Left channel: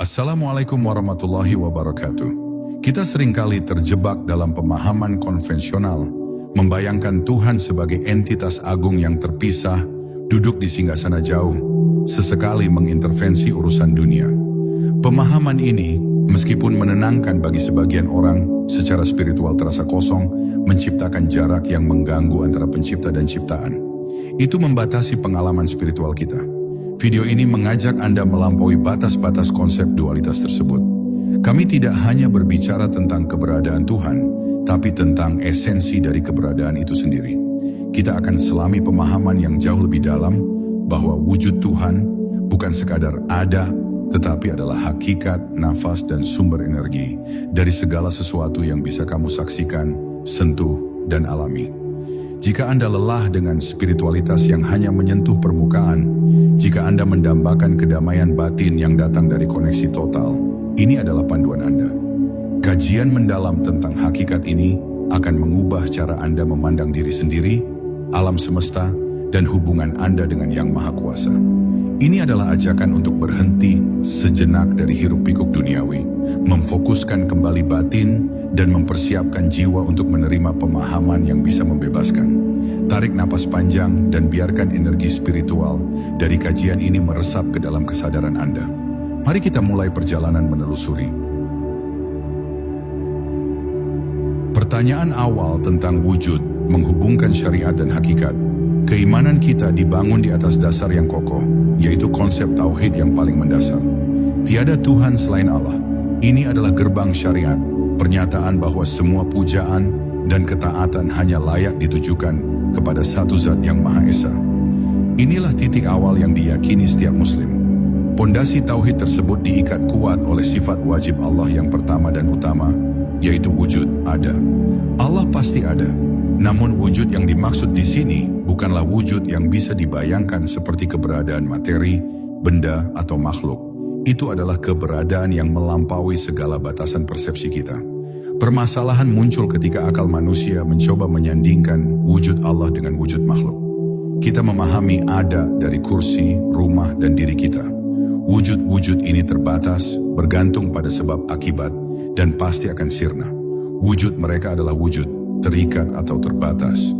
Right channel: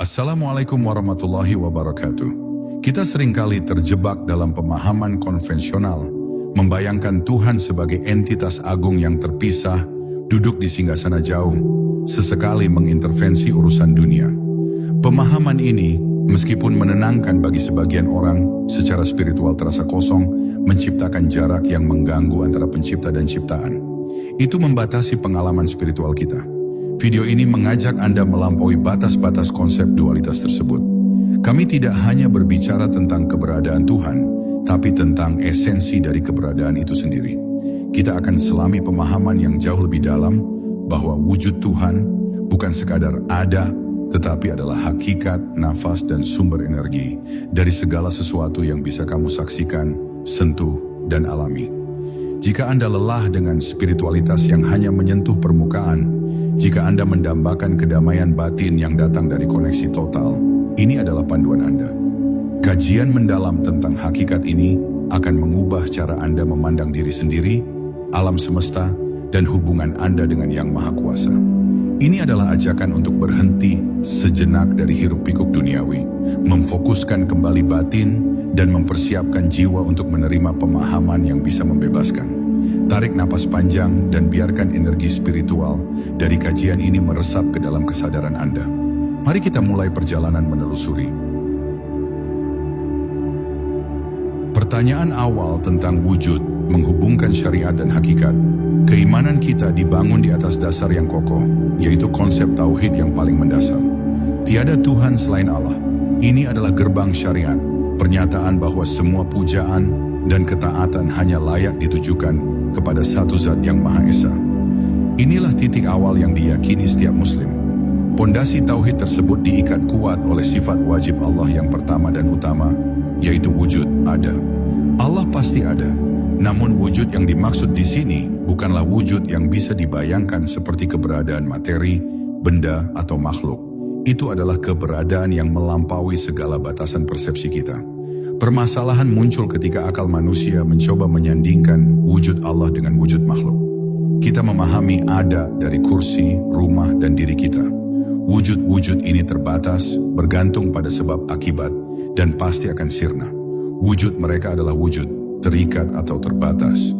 Assalamualaikum warahmatullahi wabarakatuh. Kita seringkali terjebak dalam pemahaman konvensional, membayangkan Tuhan sebagai entitas agung yang terpisah, duduk di singgasana jauh, sesekali mengintervensi urusan dunia. Pemahaman ini, meskipun menenangkan bagi sebagian orang, secara spiritual terasa kosong, menciptakan jarak yang mengganggu antara pencipta dan ciptaan. Itu membatasi pengalaman spiritual kita. Video ini mengajak Anda melampaui batas-batas konsep dualitas tersebut. Kami tidak hanya berbicara tentang keberadaan Tuhan, tapi tentang esensi dari keberadaan itu sendiri. Kita akan selami pemahaman yang jauh lebih dalam bahwa wujud Tuhan bukan sekadar ada, tetapi adalah hakikat, nafas, dan sumber energi dari segala sesuatu yang bisa kamu saksikan, sentuh, dan alami. Jika Anda lelah dengan spiritualitas yang hanya menyentuh permukaan, jika Anda mendambakan kedamaian batin yang datang dari koneksi total, ini adalah panduan Anda. Kajian mendalam tentang hakikat ini akan mengubah cara Anda memandang diri sendiri, alam semesta, dan hubungan Anda dengan Yang Maha Kuasa. Ini adalah ajakan untuk berhenti sejenak dari hiruk-pikuk duniawi, memfokuskan kembali batin, dan mempersiapkan jiwa untuk menerima pemahaman yang bisa membebaskan. Tarik napas panjang dan biarkan energi spiritual dari kajian ini meresap ke dalam kesadaran Anda. Mari kita mulai perjalanan menelusuri. Pertanyaan awal tentang wujud menghubungkan syariat dan hakikat. Keimanan kita dibangun di atas dasar yang kokoh, yaitu konsep tauhid yang paling mendasar. Tiada Tuhan selain Allah. Ini adalah gerbang syariat, pernyataan bahwa semua pujaan dan ketaatan hanya layak ditujukan kepada satu zat yang Maha Esa. Inilah titik awal yang diyakini setiap muslim. Pondasi tauhid tersebut diikat kuat oleh sifat wajib Allah yang pertama dan utama, yaitu wujud ada. Allah pasti ada. Namun wujud yang dimaksud di sini bukanlah wujud yang bisa dibayangkan seperti keberadaan materi, benda, atau makhluk. Itu adalah keberadaan yang melampaui segala batasan persepsi kita. Permasalahan muncul ketika akal manusia mencoba menyandingkan wujud Allah dengan wujud makhluk. Kita memahami ada dari kursi, rumah, dan diri kita. Wujud-wujud ini terbatas, bergantung pada sebab akibat, dan pasti akan sirna. Wujud mereka adalah wujud terikat atau terbatas.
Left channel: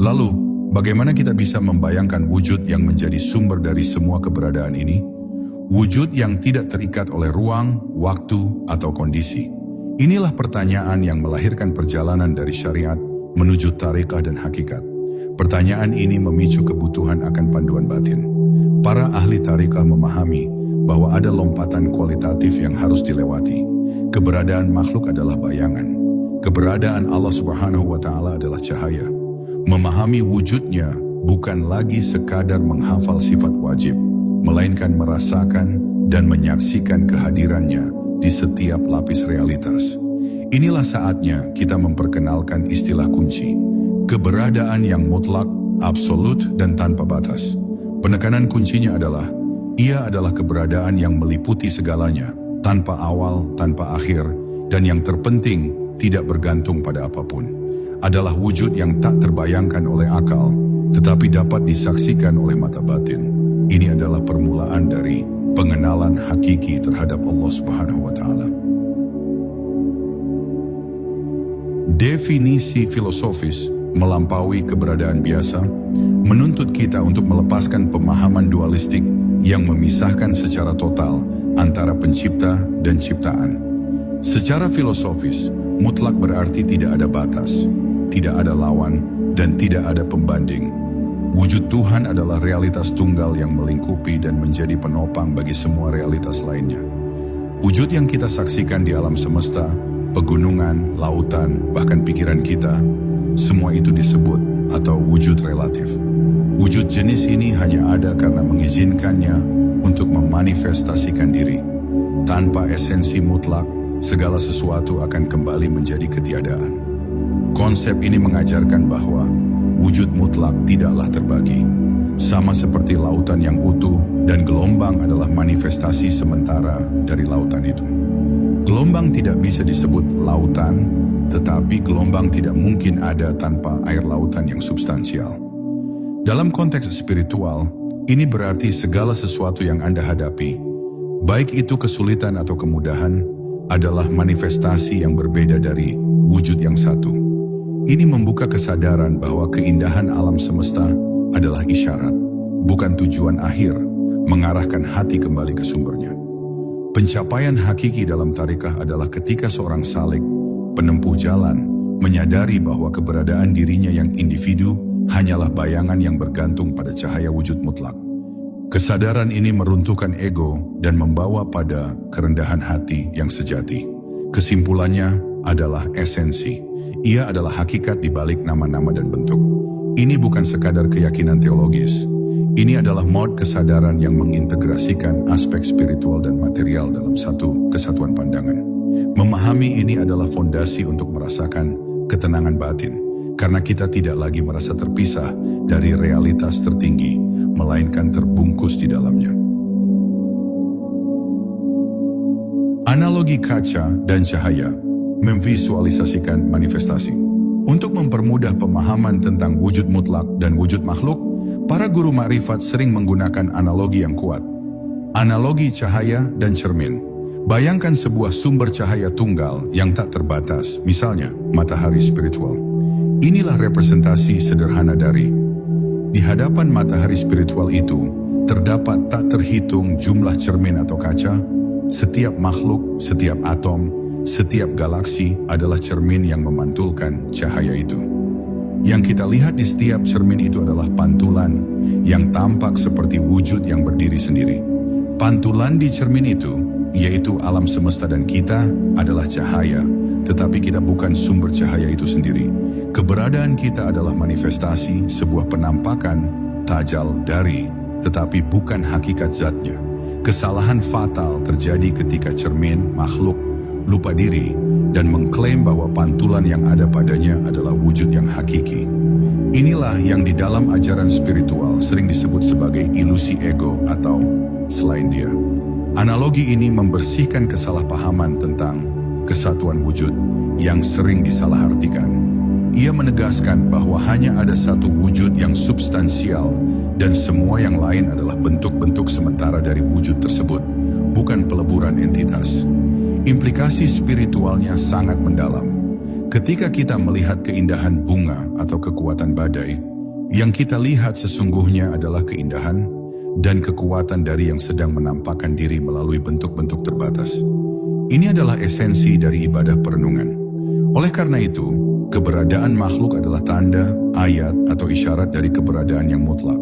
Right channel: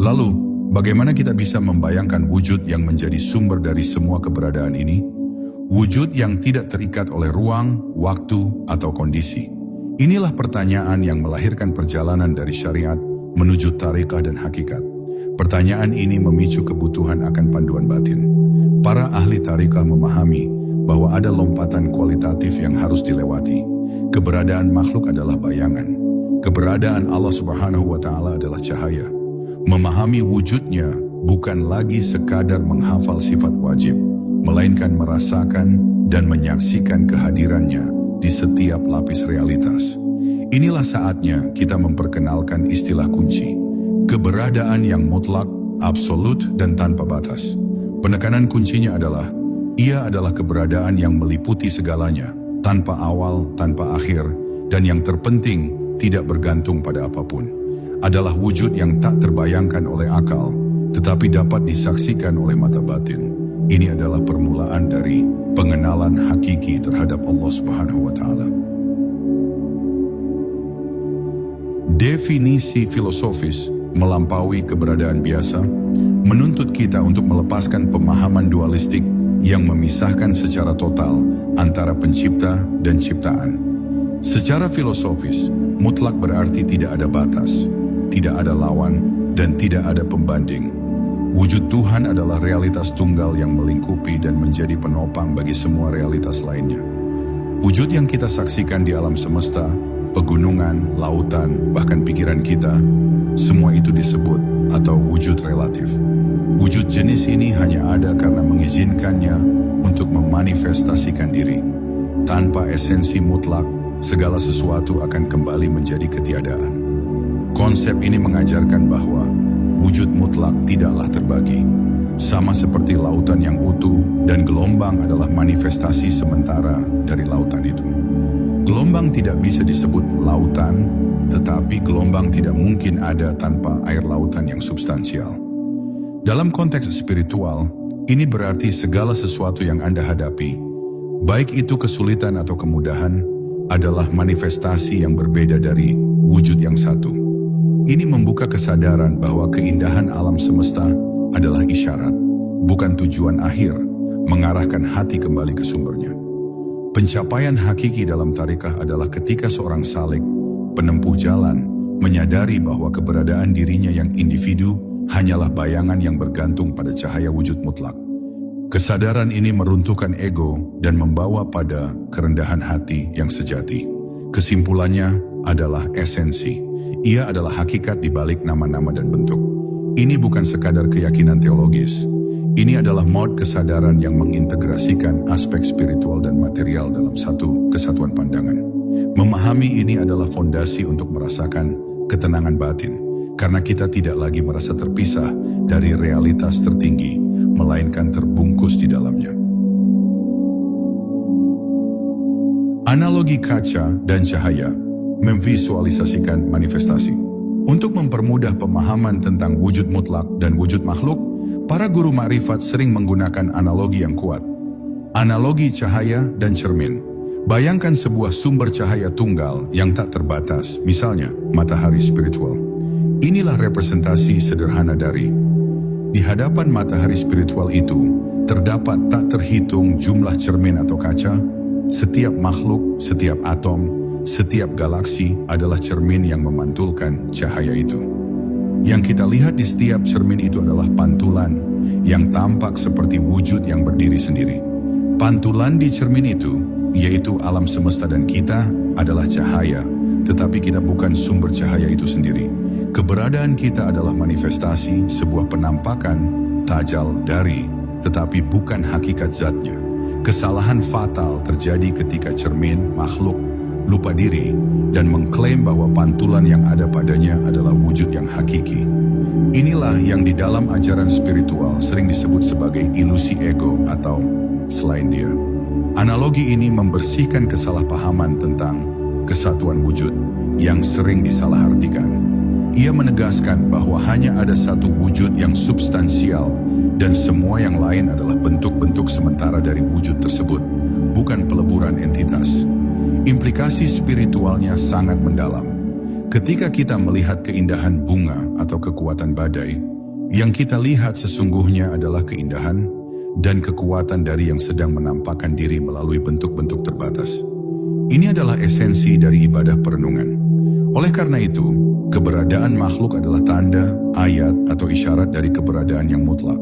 Lalu, bagaimana kita bisa membayangkan wujud yang menjadi sumber dari semua keberadaan ini? Wujud yang tidak terikat oleh ruang, waktu, atau kondisi. Inilah pertanyaan yang melahirkan perjalanan dari syariat menuju tariqah dan hakikat. Pertanyaan ini memicu kebutuhan akan panduan batin. Para ahli tariqah memahami bahwa ada lompatan kualitatif yang harus dilewati. Keberadaan makhluk adalah bayangan. Keberadaan Allah Subhanahu wa Ta'ala adalah cahaya. Memahami wujudnya bukan lagi sekadar menghafal sifat wajib, melainkan merasakan dan menyaksikan kehadirannya di setiap lapis realitas. Inilah saatnya kita memperkenalkan istilah kunci. Keberadaan yang mutlak, absolut, dan tanpa batas. Penekanan kuncinya adalah, ia adalah keberadaan yang meliputi segalanya, tanpa awal, tanpa akhir, dan yang terpenting, tidak bergantung pada apapun. Adalah wujud yang tak terbayangkan oleh akal, tetapi dapat disaksikan oleh mata batin. Ini adalah permulaan dari pengenalan hakiki terhadap Allah Subhanahu wa Ta'ala. Definisi filosofis melampaui keberadaan biasa, menuntut kita untuk melepaskan pemahaman dualistik yang memisahkan secara total antara pencipta dan ciptaan. Secara filosofis, mutlak berarti tidak ada batas, tidak ada lawan, dan tidak ada pembanding. Wujud Tuhan adalah realitas tunggal yang melingkupi dan menjadi penopang bagi semua realitas lainnya. Wujud yang kita saksikan di alam semesta, pegunungan, lautan, bahkan pikiran kita, semua itu disebut atau wujud relatif. Wujud jenis ini hanya ada karena mengizinkannya untuk memanifestasikan diri. Tanpa esensi mutlak, segala sesuatu akan kembali menjadi ketiadaan. Konsep ini mengajarkan bahwa wujud mutlak tidaklah terbagi. Sama seperti lautan yang utuh dan gelombang adalah manifestasi sementara dari lautan itu. Gelombang tidak bisa disebut lautan, tetapi gelombang tidak mungkin ada tanpa air lautan yang substansial. Dalam konteks spiritual, ini berarti segala sesuatu yang Anda hadapi, baik itu kesulitan atau kemudahan, adalah manifestasi yang berbeda dari wujud yang satu. Ini membuka kesadaran bahwa keindahan alam semesta adalah isyarat, bukan tujuan akhir, mengarahkan hati kembali ke sumbernya. Pencapaian hakiki dalam tarikah adalah ketika seorang salik, penempuh jalan, menyadari bahwa keberadaan dirinya yang individu hanyalah bayangan yang bergantung pada cahaya wujud mutlak. Kesadaran ini meruntuhkan ego dan membawa pada kerendahan hati yang sejati. Kesimpulannya adalah esensi. Ia adalah hakikat di balik nama-nama dan bentuk. Ini bukan sekadar keyakinan teologis. Ini adalah mod kesadaran yang mengintegrasikan aspek spiritual dan material dalam satu kesatuan pandangan. Memahami ini adalah fondasi untuk merasakan ketenangan batin, karena kita tidak lagi merasa terpisah dari realitas tertinggi, melainkan terbungkus di dalamnya. Analogi kaca dan cahaya memvisualisasikan manifestasi. Untuk mempermudah pemahaman tentang wujud mutlak dan wujud makhluk, para guru makrifat sering menggunakan analogi yang kuat. Analogi cahaya dan cermin. Bayangkan sebuah sumber cahaya tunggal yang tak terbatas, misalnya matahari spiritual. Inilah representasi sederhana dari. Di hadapan matahari spiritual itu, terdapat tak terhitung jumlah cermin atau kaca. Setiap makhluk, setiap atom, setiap galaksi adalah cermin yang memantulkan cahaya itu. Yang kita lihat di setiap cermin itu adalah pantulan yang tampak seperti wujud yang berdiri sendiri. Pantulan di cermin itu, yaitu alam semesta dan kita, adalah cahaya, tetapi kita bukan sumber cahaya itu sendiri. Keberadaan kita adalah manifestasi sebuah penampakan tajal dari, tetapi bukan hakikat zatnya. Kesalahan fatal terjadi ketika cermin, makhluk, lupa diri dan mengklaim bahwa pantulan yang ada padanya adalah wujud yang hakiki. Inilah yang di dalam ajaran spiritual sering disebut sebagai ilusi ego atau selain dia. Analogi ini membersihkan kesalahpahaman tentang kesatuan wujud yang sering disalahartikan. Ia menegaskan bahwa hanya ada satu wujud yang substansial dan semua yang lain adalah bentuk-bentuk sementara dari wujud tersebut, bukan peleburan entitas. Implikasi spiritualnya sangat mendalam. Ketika kita melihat keindahan bunga atau kekuatan badai, yang kita lihat sesungguhnya adalah keindahan dan kekuatan dari yang sedang menampakkan diri melalui bentuk-bentuk terbatas. Ini adalah esensi dari ibadah perenungan. Oleh karena itu, keberadaan makhluk adalah tanda, ayat, atau isyarat dari keberadaan yang mutlak.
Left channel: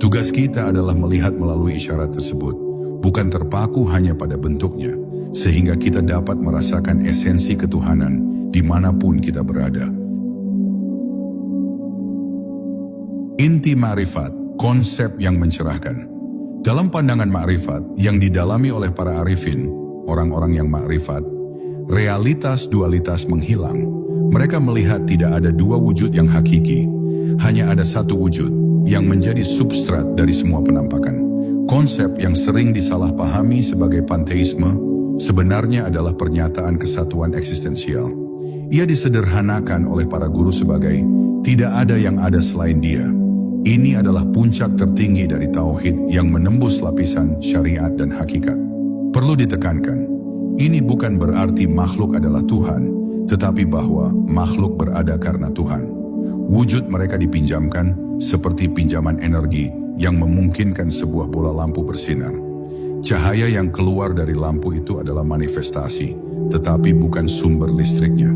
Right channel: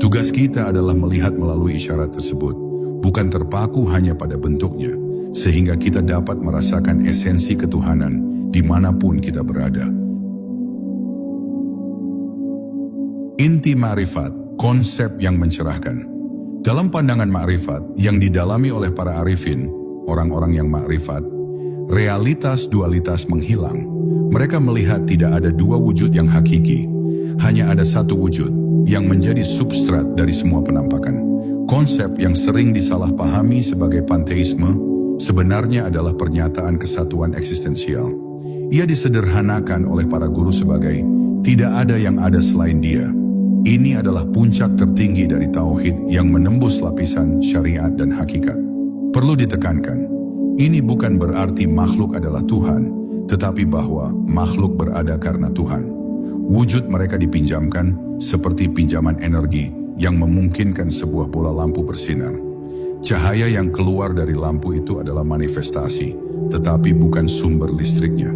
Tugas kita adalah melihat melalui isyarat tersebut, bukan terpaku hanya pada bentuknya, sehingga kita dapat merasakan esensi ketuhanan dimanapun kita berada. Inti makrifat, konsep yang mencerahkan. Dalam pandangan makrifat yang didalami oleh para arifin, orang-orang yang makrifat, realitas dualitas menghilang. Mereka melihat tidak ada dua wujud yang hakiki, hanya ada satu wujud yang menjadi substrat dari semua penampakan. Konsep yang sering disalahpahami sebagai panteisme sebenarnya adalah pernyataan kesatuan eksistensial. Ia disederhanakan oleh para guru sebagai tidak ada yang ada selain dia. Ini adalah puncak tertinggi dari tauhid yang menembus lapisan syariat dan hakikat. Perlu ditekankan, ini bukan berarti makhluk adalah Tuhan, tetapi bahwa makhluk berada karena Tuhan. Wujud mereka dipinjamkan seperti pinjaman energi yang memungkinkan sebuah bola lampu bersinar. Cahaya yang keluar dari lampu itu adalah manifestasi, tetapi bukan sumber listriknya.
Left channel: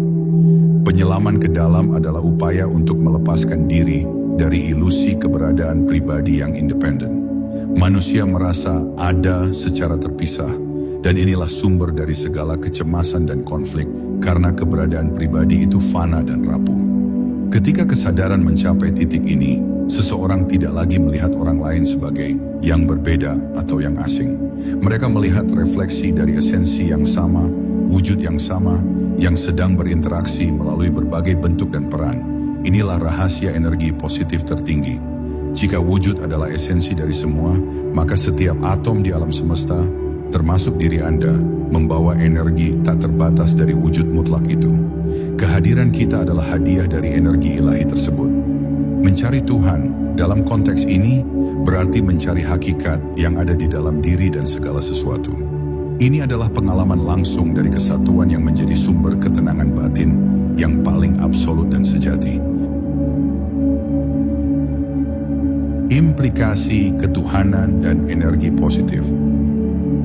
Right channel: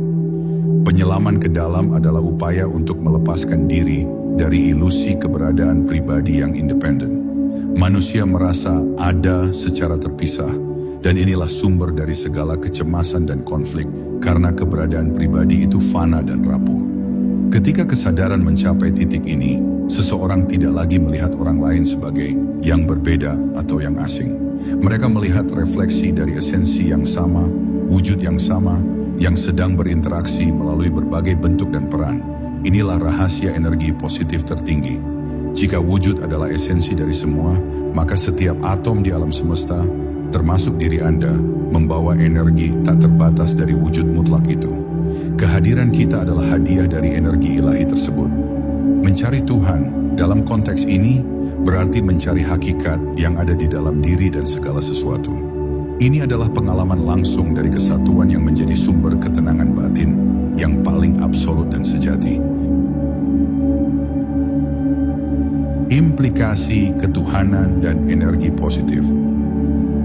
Penyelaman ke dalam adalah upaya untuk melepaskan diri dari ilusi keberadaan pribadi yang independen. Manusia merasa ada secara terpisah, dan inilah sumber dari segala kecemasan dan konflik, karena keberadaan pribadi itu fana dan rapuh. Ketika kesadaran mencapai titik ini, seseorang tidak lagi melihat orang lain sebagai yang berbeda atau yang asing. Mereka melihat refleksi dari esensi yang sama, wujud yang sama, yang sedang berinteraksi melalui berbagai bentuk dan peran. Inilah rahasia energi positif tertinggi. Jika wujud adalah esensi dari semua, maka setiap atom di alam semesta, termasuk diri Anda, membawa energi tak terbatas dari wujud mutlak itu. Kehadiran kita adalah hadiah dari energi ilahi tersebut. Mencari Tuhan dalam konteks ini berarti mencari hakikat yang ada di dalam diri dan segala sesuatu. Ini adalah pengalaman langsung dari kesatuan yang menjadi sumber ketenangan batin yang paling absolut dan sejati. Implikasi ketuhanan dan energi positif.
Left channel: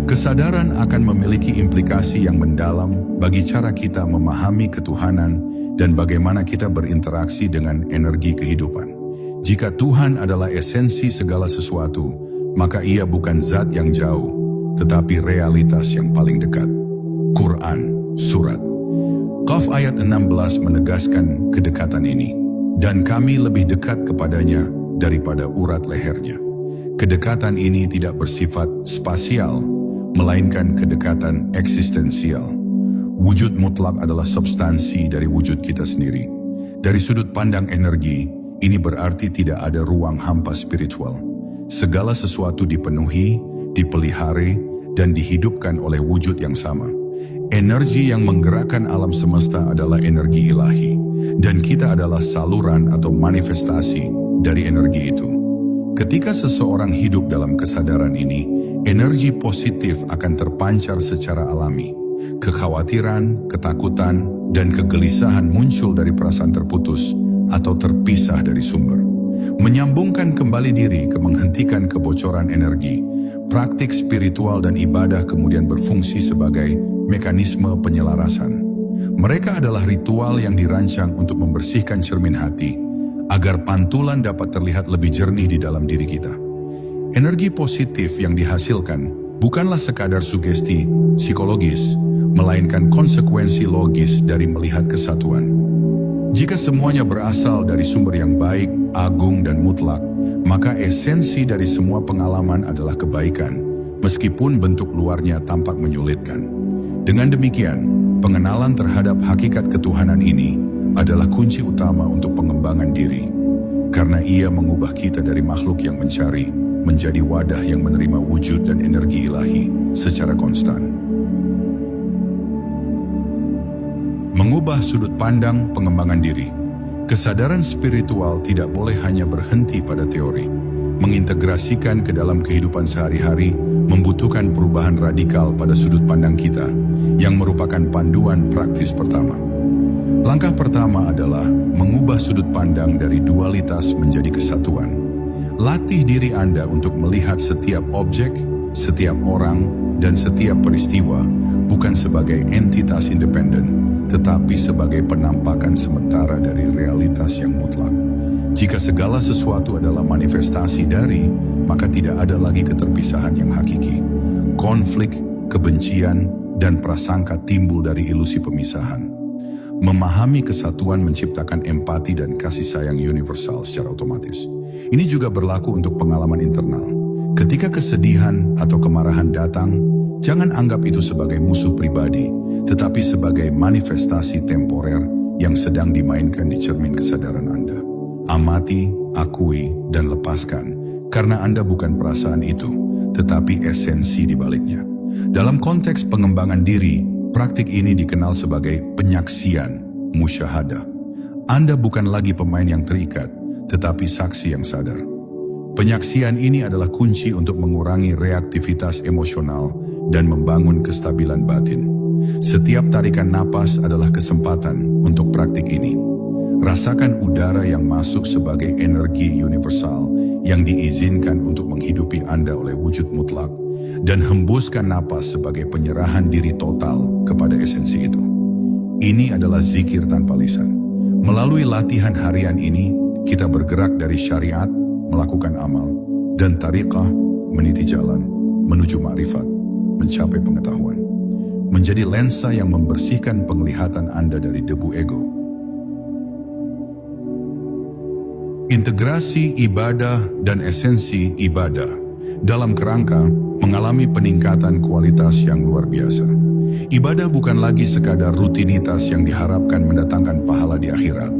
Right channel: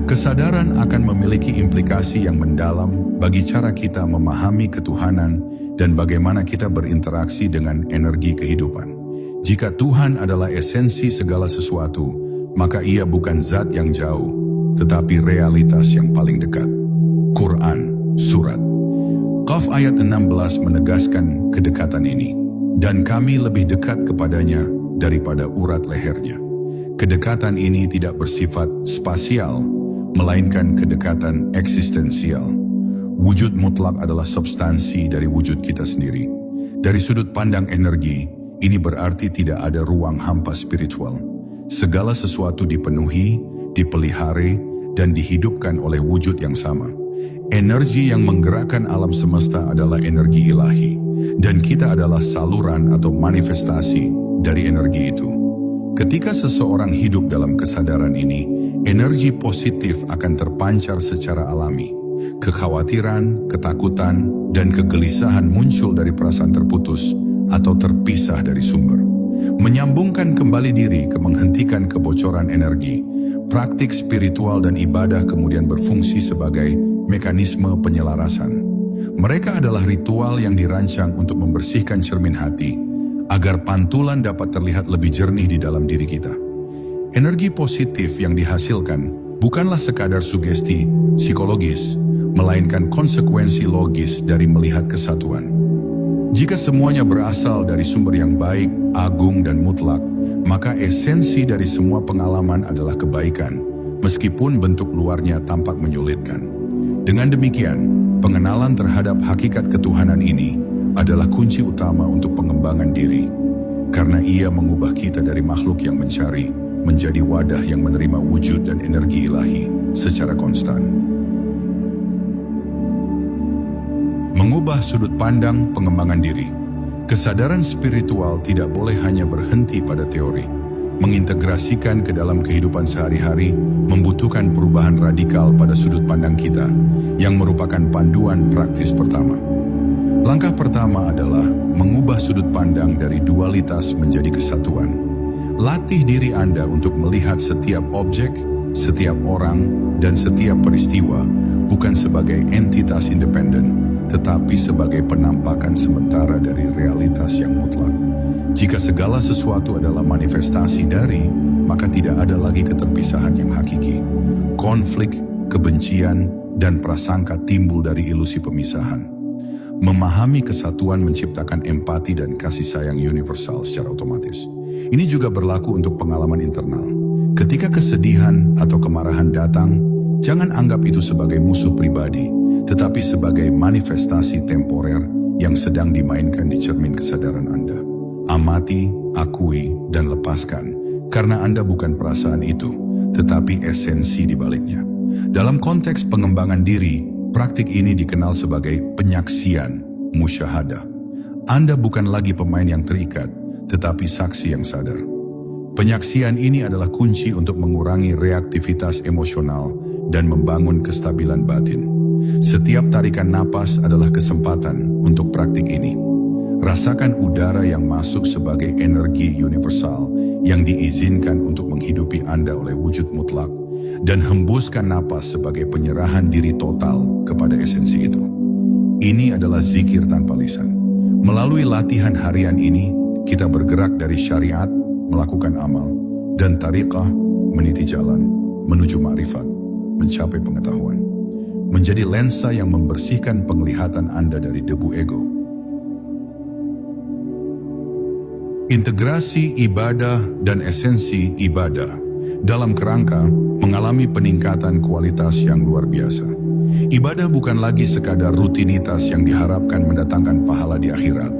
Kesadaran akan memiliki implikasi yang mendalam bagi cara kita memahami ketuhanan dan bagaimana kita berinteraksi dengan energi kehidupan. Jika Tuhan adalah esensi segala sesuatu, maka Ia bukan zat yang jauh, tetapi realitas yang paling dekat. Quran, Surat Qaf ayat 16 menegaskan kedekatan ini. Dan kami lebih dekat kepadanya daripada urat lehernya. Kedekatan ini tidak bersifat spasial, melainkan kedekatan eksistensial. Wujud mutlak adalah substansi dari wujud kita sendiri. Dari sudut pandang energi, ini berarti tidak ada ruang hampa spiritual. Segala sesuatu dipenuhi, dipelihara, dan dihidupkan oleh wujud yang sama. Energi yang menggerakkan alam semesta adalah energi ilahi, dan kita adalah saluran atau manifestasi dari energi itu. Ketika seseorang hidup dalam kesadaran ini, energi positif akan terpancar secara alami. Kekhawatiran, ketakutan, dan kegelisahan muncul dari perasaan terputus atau terpisah dari sumber. Menyambungkan kembali diri ke menghentikan kebocoran energi. Praktik spiritual dan ibadah kemudian berfungsi sebagai mekanisme penyelarasan. Mereka adalah ritual yang dirancang untuk membersihkan cermin hati, agar pantulan dapat terlihat lebih jernih di dalam diri kita. Energi positif yang dihasilkan bukanlah sekadar sugesti psikologis, melainkan konsekuensi logis dari melihat kesatuan. Jika semuanya berasal dari sumber yang baik, agung, dan mutlak, maka esensi dari semua pengalaman adalah kebaikan, meskipun bentuk luarnya tampak menyulitkan. Dengan demikian, pengenalan terhadap hakikat ketuhanan ini adalah kunci utama untuk pengembangan diri, karena ia mengubah kita dari makhluk yang mencari menjadi wadah yang menerima wujud dan energi ilahi secara konstan. Mengubah sudut pandang pengembangan diri. Kesadaran spiritual tidak boleh hanya berhenti pada teori. Mengintegrasikan ke dalam kehidupan sehari-hari membutuhkan perubahan radikal pada sudut pandang kita, yang merupakan panduan praktis pertama. Langkah pertama adalah mengubah sudut pandang dari dualitas menjadi kesatuan. Latih diri Anda untuk melihat setiap objek, setiap orang, dan setiap peristiwa bukan sebagai entitas independen, tetapi sebagai penampakan sementara dari realitas yang mutlak. Jika segala sesuatu adalah manifestasi dari, maka tidak ada lagi keterpisahan yang hakiki. Konflik, kebencian, dan prasangka timbul dari ilusi pemisahan. Memahami kesatuan menciptakan empati dan kasih sayang universal secara otomatis. Ini juga berlaku untuk pengalaman internal. Ketika kesedihan atau kemarahan datang, jangan anggap itu sebagai musuh pribadi, tetapi sebagai manifestasi temporer yang sedang dimainkan di cermin kesadaran Anda. Amati, akui, dan lepaskan, karena Anda bukan perasaan itu, tetapi esensi di baliknya. Dalam konteks pengembangan diri, praktik ini dikenal sebagai penyaksian, musyahadah. Anda bukan lagi pemain yang terikat, tetapi saksi yang sadar. Penyaksian ini adalah kunci untuk mengurangi reaktivitas emosional dan membangun kestabilan batin. Setiap tarikan napas adalah kesempatan untuk praktik ini. Rasakan udara yang masuk sebagai energi universal yang diizinkan untuk menghidupi Anda oleh wujud mutlak, dan hembuskan napas sebagai penyerahan diri total kepada esensi itu. Ini adalah zikir tanpa lisan. Melalui latihan harian ini, kita bergerak dari syariat, melakukan amal, dan tariqah, meniti jalan, menuju ma'rifat, mencapai pengetahuan. Menjadi lensa yang membersihkan penglihatan Anda dari debu ego. Integrasi ibadah dan esensi ibadah dalam kerangka mengalami peningkatan kualitas yang luar biasa. Ibadah bukan lagi sekadar rutinitas yang diharapkan mendatangkan pahala di akhirat,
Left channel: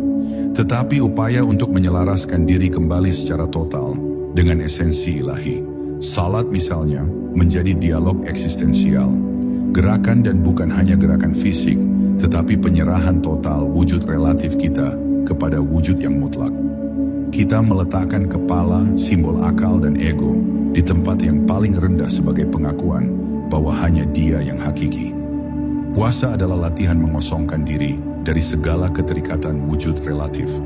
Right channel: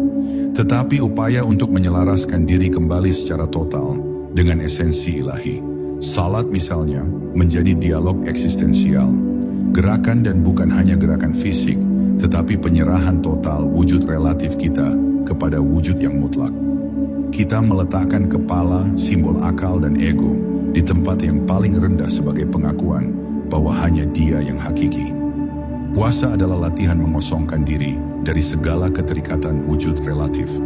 tetapi upaya untuk menyelaraskan diri kembali secara total dengan esensi ilahi. Salat misalnya menjadi dialog eksistensial, gerakan dan bukan hanya gerakan fisik, tetapi penyerahan total wujud relatif kita kepada wujud yang mutlak. kita meletakkan kepala, simbol akal dan ego, di tempat yang paling rendah sebagai pengakuan bahwa hanya Dia yang hakiki. Puasa adalah latihan mengosongkan diri dari segala keterikatan wujud relatif.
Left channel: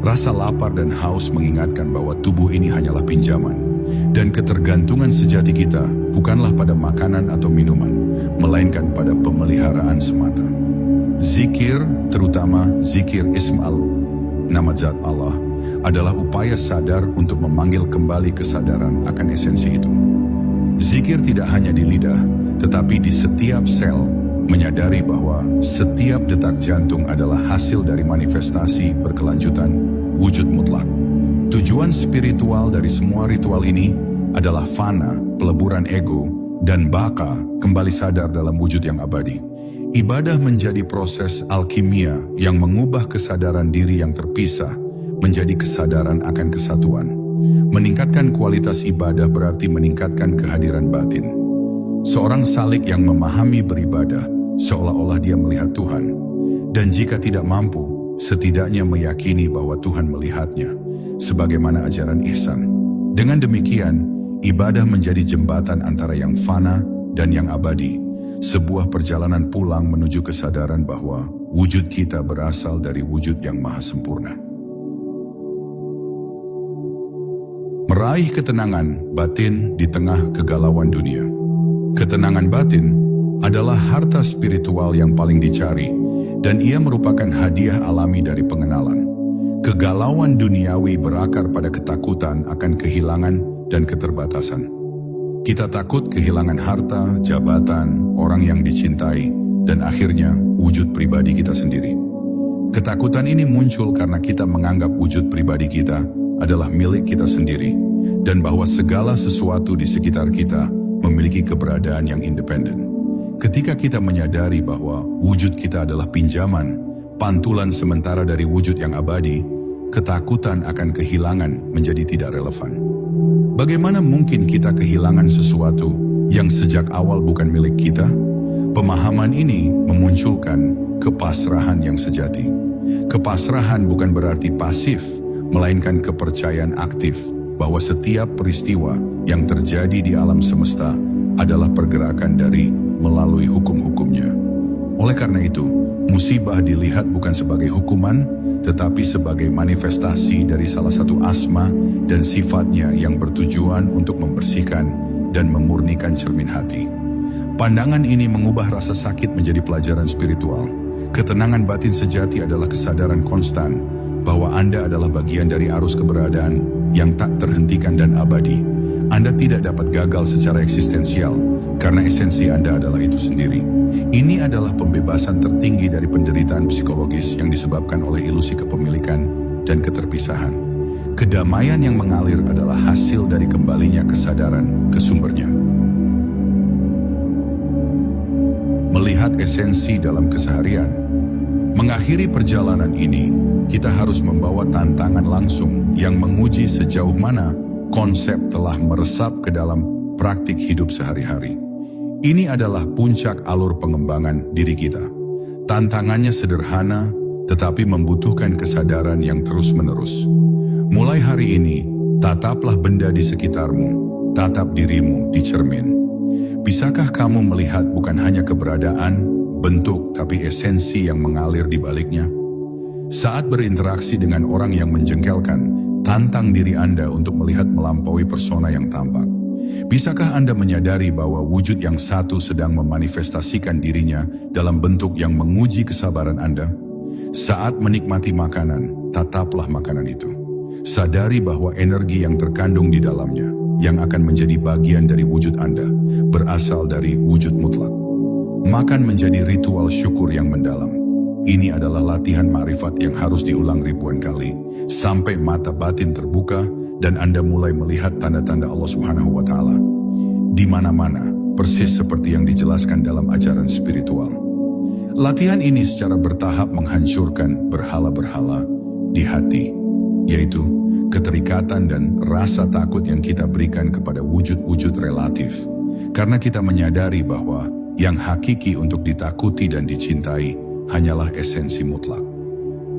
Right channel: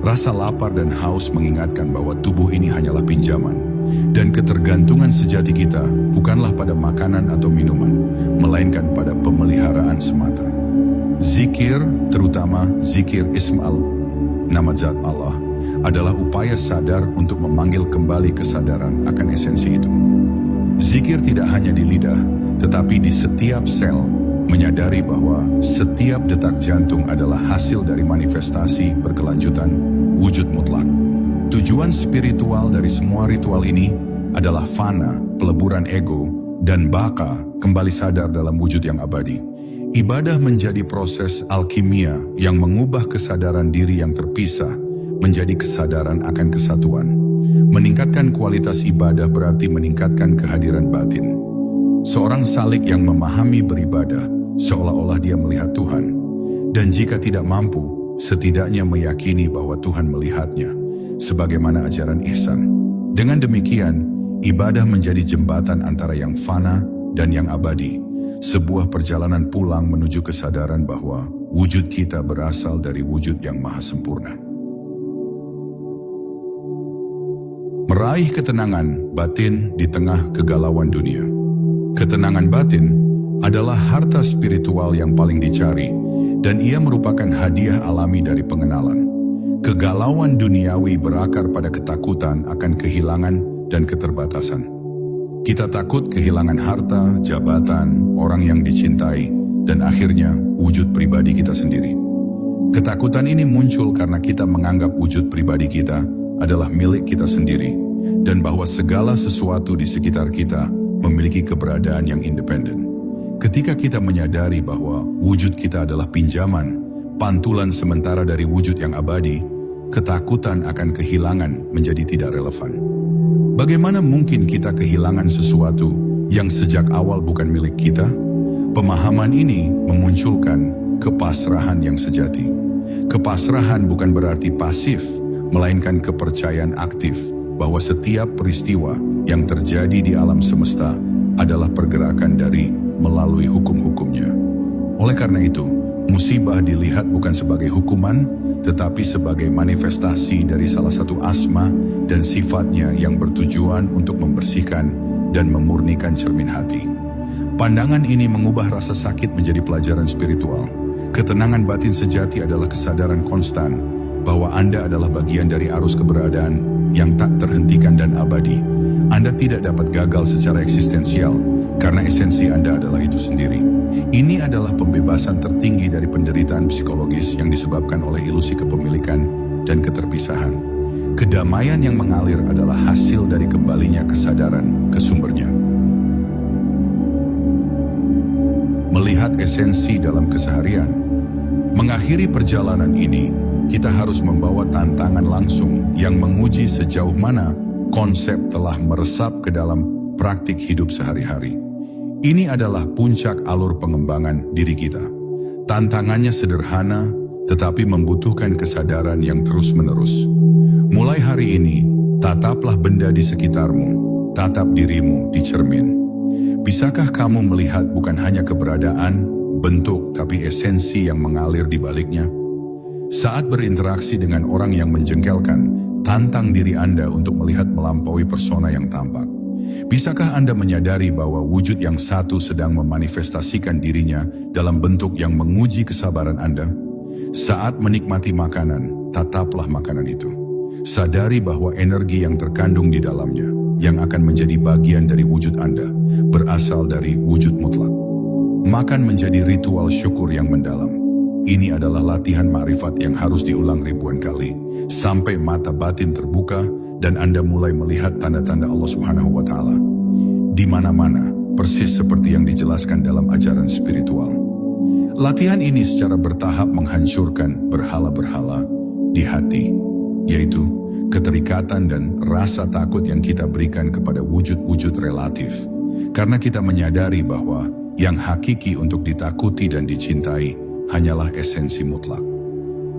Rasa lapar dan haus mengingatkan bahwa tubuh ini hanyalah pinjaman, dan ketergantungan sejati kita bukanlah pada makanan atau minuman, melainkan pada pemeliharaan semata. Zikir, terutama zikir Isma'al, nama zat Allah, adalah upaya sadar untuk memanggil kembali kesadaran akan esensi itu. Zikir tidak hanya di lidah, tetapi di setiap sel, menyadari bahwa setiap detak jantung adalah hasil dari manifestasi berkelanjutan wujud mutlak. Tujuan spiritual dari semua ritual ini adalah fana, peleburan ego, dan baka, kembali sadar dalam wujud yang abadi. Ibadah menjadi proses alkimia yang mengubah kesadaran diri yang terpisah menjadi kesadaran akan kesatuan. Meningkatkan kualitas ibadah berarti meningkatkan kehadiran batin. Seorang salik yang memahami beribadah seolah-olah dia melihat Tuhan, dan jika tidak mampu, setidaknya meyakini bahwa Tuhan melihatnya, sebagaimana ajaran ihsan. Dengan demikian, ibadah menjadi jembatan antara yang fana dan yang abadi, sebuah perjalanan pulang menuju kesadaran bahwa wujud kita berasal dari wujud yang maha sempurna. Meraih ketenangan batin di tengah kegalauan dunia. Ketenangan batin adalah harta spiritual yang paling dicari, dan ia merupakan hadiah alami dari pengenalan. Kegalauan duniawi berakar pada ketakutan akan kehilangan dan keterbatasan. Kita takut kehilangan harta, jabatan, orang yang dicintai, dan akhirnya wujud pribadi kita sendiri. Ketakutan ini muncul karena kita menganggap wujud pribadi kita adalah milik kita sendiri, dan bahwa segala sesuatu di sekitar kita memiliki keberadaan yang independen. Ketika kita menyadari bahwa wujud kita adalah pinjaman, pantulan sementara dari wujud yang abadi, ketakutan akan kehilangan menjadi tidak relevan. Bagaimana mungkin kita kehilangan sesuatu yang sejak awal bukan milik kita? Pemahaman ini memunculkan kepasrahan yang sejati. Kepasrahan bukan berarti pasif, melainkan kepercayaan aktif bahwa setiap peristiwa yang terjadi di alam semesta adalah pergerakan dari melalui hukum-hukumnya. Oleh karena itu, musibah dilihat bukan sebagai hukuman, tetapi sebagai manifestasi dari salah satu asma dan sifatnya yang bertujuan untuk membersihkan dan memurnikan cermin hati. Pandangan ini mengubah rasa sakit menjadi pelajaran spiritual. Ketenangan batin sejati adalah kesadaran konstan bahwa Anda adalah bagian dari arus keberadaan yang tak terhentikan dan abadi. Anda tidak dapat gagal secara eksistensial, karena esensi Anda adalah itu sendiri. Ini adalah pembebasan tertinggi dari penderitaan psikologis yang disebabkan oleh ilusi kepemilikan dan keterpisahan. Kedamaian yang mengalir adalah hasil dari kembalinya kesadaran ke sumbernya. Melihat esensi dalam keseharian. Mengakhiri perjalanan ini, kita harus membawa tantangan langsung yang menguji sejauh mana konsep telah meresap ke dalam praktik hidup sehari-hari. Ini adalah puncak alur pengembangan diri kita. Tantangannya sederhana, tetapi membutuhkan kesadaran yang terus-menerus. Mulai hari ini, tataplah benda di sekitarmu, tatap dirimu di cermin. Bisakah kamu melihat bukan hanya keberadaan, bentuk, tapi esensi yang mengalir di baliknya? Saat berinteraksi dengan orang yang menjengkelkan, tantang diri Anda untuk melihat melampaui persona yang tampak. Bisakah Anda menyadari bahwa wujud yang satu sedang memanifestasikan dirinya dalam bentuk yang menguji kesabaran Anda? Saat menikmati makanan, tataplah makanan itu. Sadari bahwa energi yang terkandung di dalamnya, yang akan menjadi bagian dari wujud Anda, berasal dari wujud mutlak. Makan menjadi ritual syukur yang mendalam. Ini adalah latihan ma'rifat yang harus diulang ribuan kali, sampai mata batin terbuka dan Anda mulai melihat tanda-tanda Allah Subhanahu wa Ta'ala di mana-mana, persis seperti yang dijelaskan dalam ajaran spiritual. Latihan ini secara bertahap menghancurkan berhala-berhala di hati, yaitu keterikatan dan rasa takut yang kita berikan kepada wujud-wujud relatif, karena kita menyadari bahwa yang hakiki untuk ditakuti dan dicintai hanyalah esensi mutlak.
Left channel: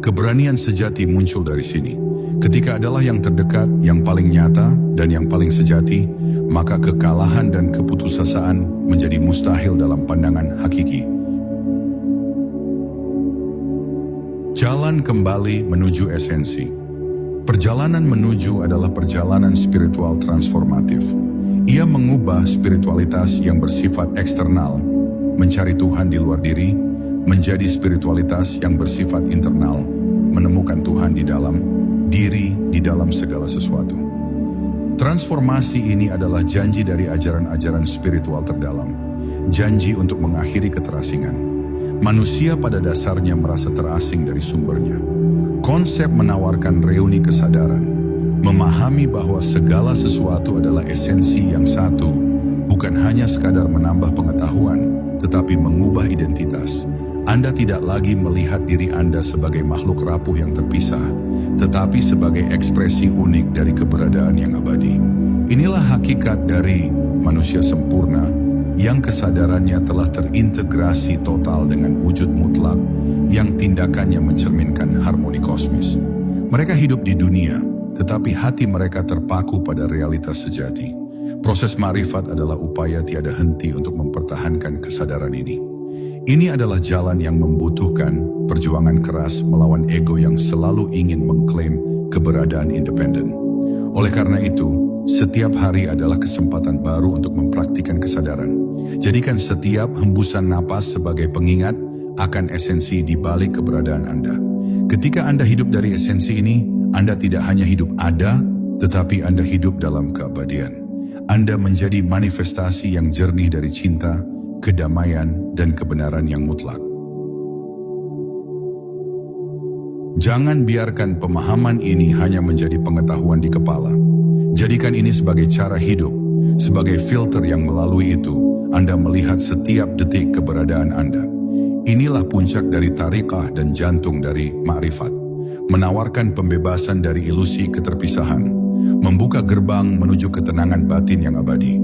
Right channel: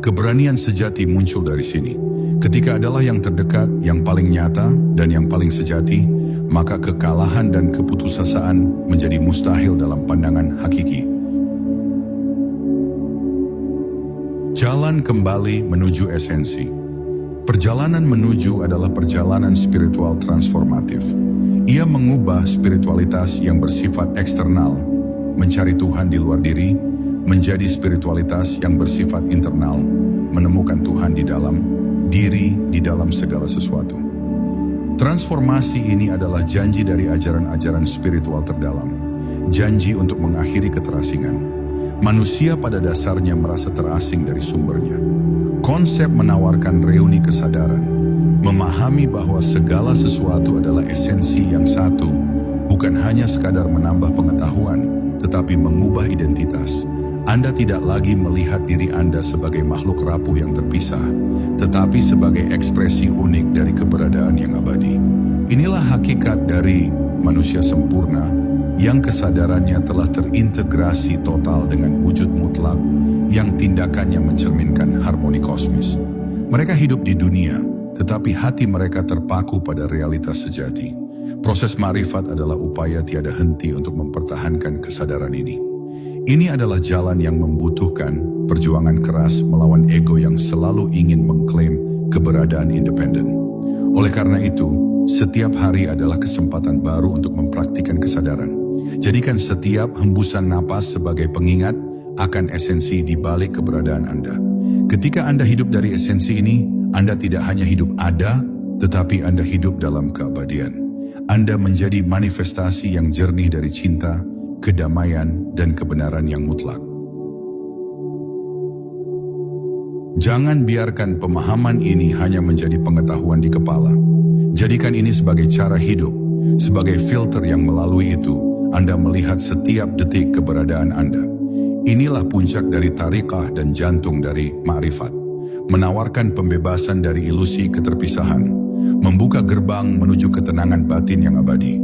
Keberanian sejati muncul dari sini. Ketika adalah yang terdekat, yang paling nyata, dan yang paling sejati, maka kekalahan dan keputusasaan menjadi mustahil dalam pandangan hakiki. Jalan kembali menuju esensi. Perjalanan menuju adalah perjalanan spiritual transformatif. Ia mengubah spiritualitas yang bersifat eksternal, mencari Tuhan di luar diri, menjadi spiritualitas yang bersifat internal, menemukan Tuhan di dalam diri, di dalam segala sesuatu. Transformasi ini adalah janji dari ajaran-ajaran spiritual terdalam, janji untuk mengakhiri keterasingan. Manusia pada dasarnya merasa terasing dari sumbernya. Konsep menawarkan reuni kesadaran, memahami bahwa segala sesuatu adalah esensi yang satu, bukan hanya sekadar menambah pengetahuan, tetapi mengubah identitas. Anda tidak lagi melihat diri Anda sebagai makhluk rapuh yang terpisah, tetapi sebagai ekspresi unik dari keberadaan yang abadi. Inilah hakikat dari manusia sempurna, yang kesadarannya telah terintegrasi total dengan wujud mutlak, yang tindakannya mencerminkan harmoni kosmis. Mereka hidup di dunia, tetapi hati mereka terpaku pada realitas sejati. Proses ma'rifat adalah upaya tiada henti untuk mempertahankan kesadaran ini. Ini adalah jalan yang membutuhkan perjuangan keras melawan ego yang selalu ingin mengklaim keberadaan independen. Oleh karena itu, setiap hari adalah kesempatan baru untuk mempraktikkan kesadaran. Jadikan setiap hembusan napas sebagai pengingat akan esensi di balik keberadaan Anda. Ketika Anda hidup dari esensi ini, Anda tidak hanya hidup ada, tetapi Anda hidup dalam keabadian. Anda menjadi manifestasi yang jernih dari cinta, kedamaian, dan kebenaran yang mutlak. Jangan biarkan pemahaman ini hanya menjadi pengetahuan di kepala. Jadikan ini sebagai cara hidup, sebagai filter yang melalui itu Anda melihat setiap detik keberadaan Anda. Inilah puncak dari tariqah dan jantung dari ma'rifat, menawarkan pembebasan dari ilusi keterpisahan, membuka gerbang menuju ketenangan batin yang abadi.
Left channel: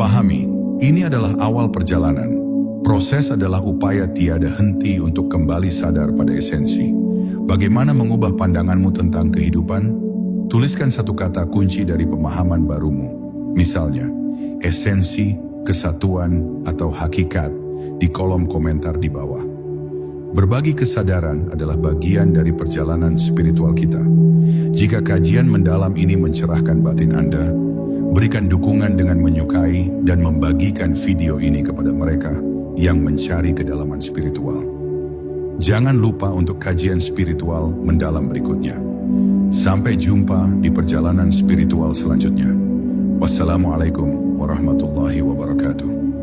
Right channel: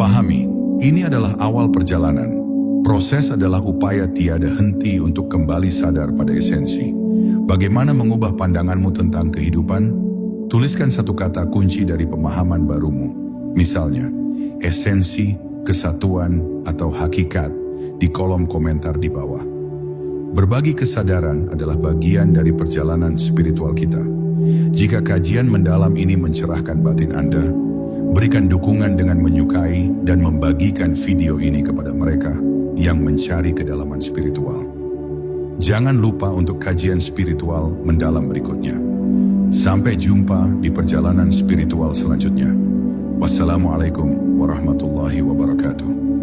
Pahami, ini adalah awal perjalanan. Proses adalah upaya tiada henti untuk kembali sadar pada esensi. Bagaimana mengubah pandanganmu tentang kehidupan? Tuliskan satu kata kunci dari pemahaman barumu. Misalnya, esensi, kesatuan, atau hakikat di kolom komentar di bawah. Berbagi kesadaran adalah bagian dari perjalanan spiritual kita. Jika kajian mendalam ini mencerahkan batin Anda, berikan dukungan dengan menyukai dan membagikan video ini kepada mereka yang mencari kedalaman spiritual. Jangan lupa untuk kajian spiritual mendalam berikutnya. Sampai jumpa di perjalanan spiritual selanjutnya. Wassalamualaikum warahmatullahi wabarakatuh.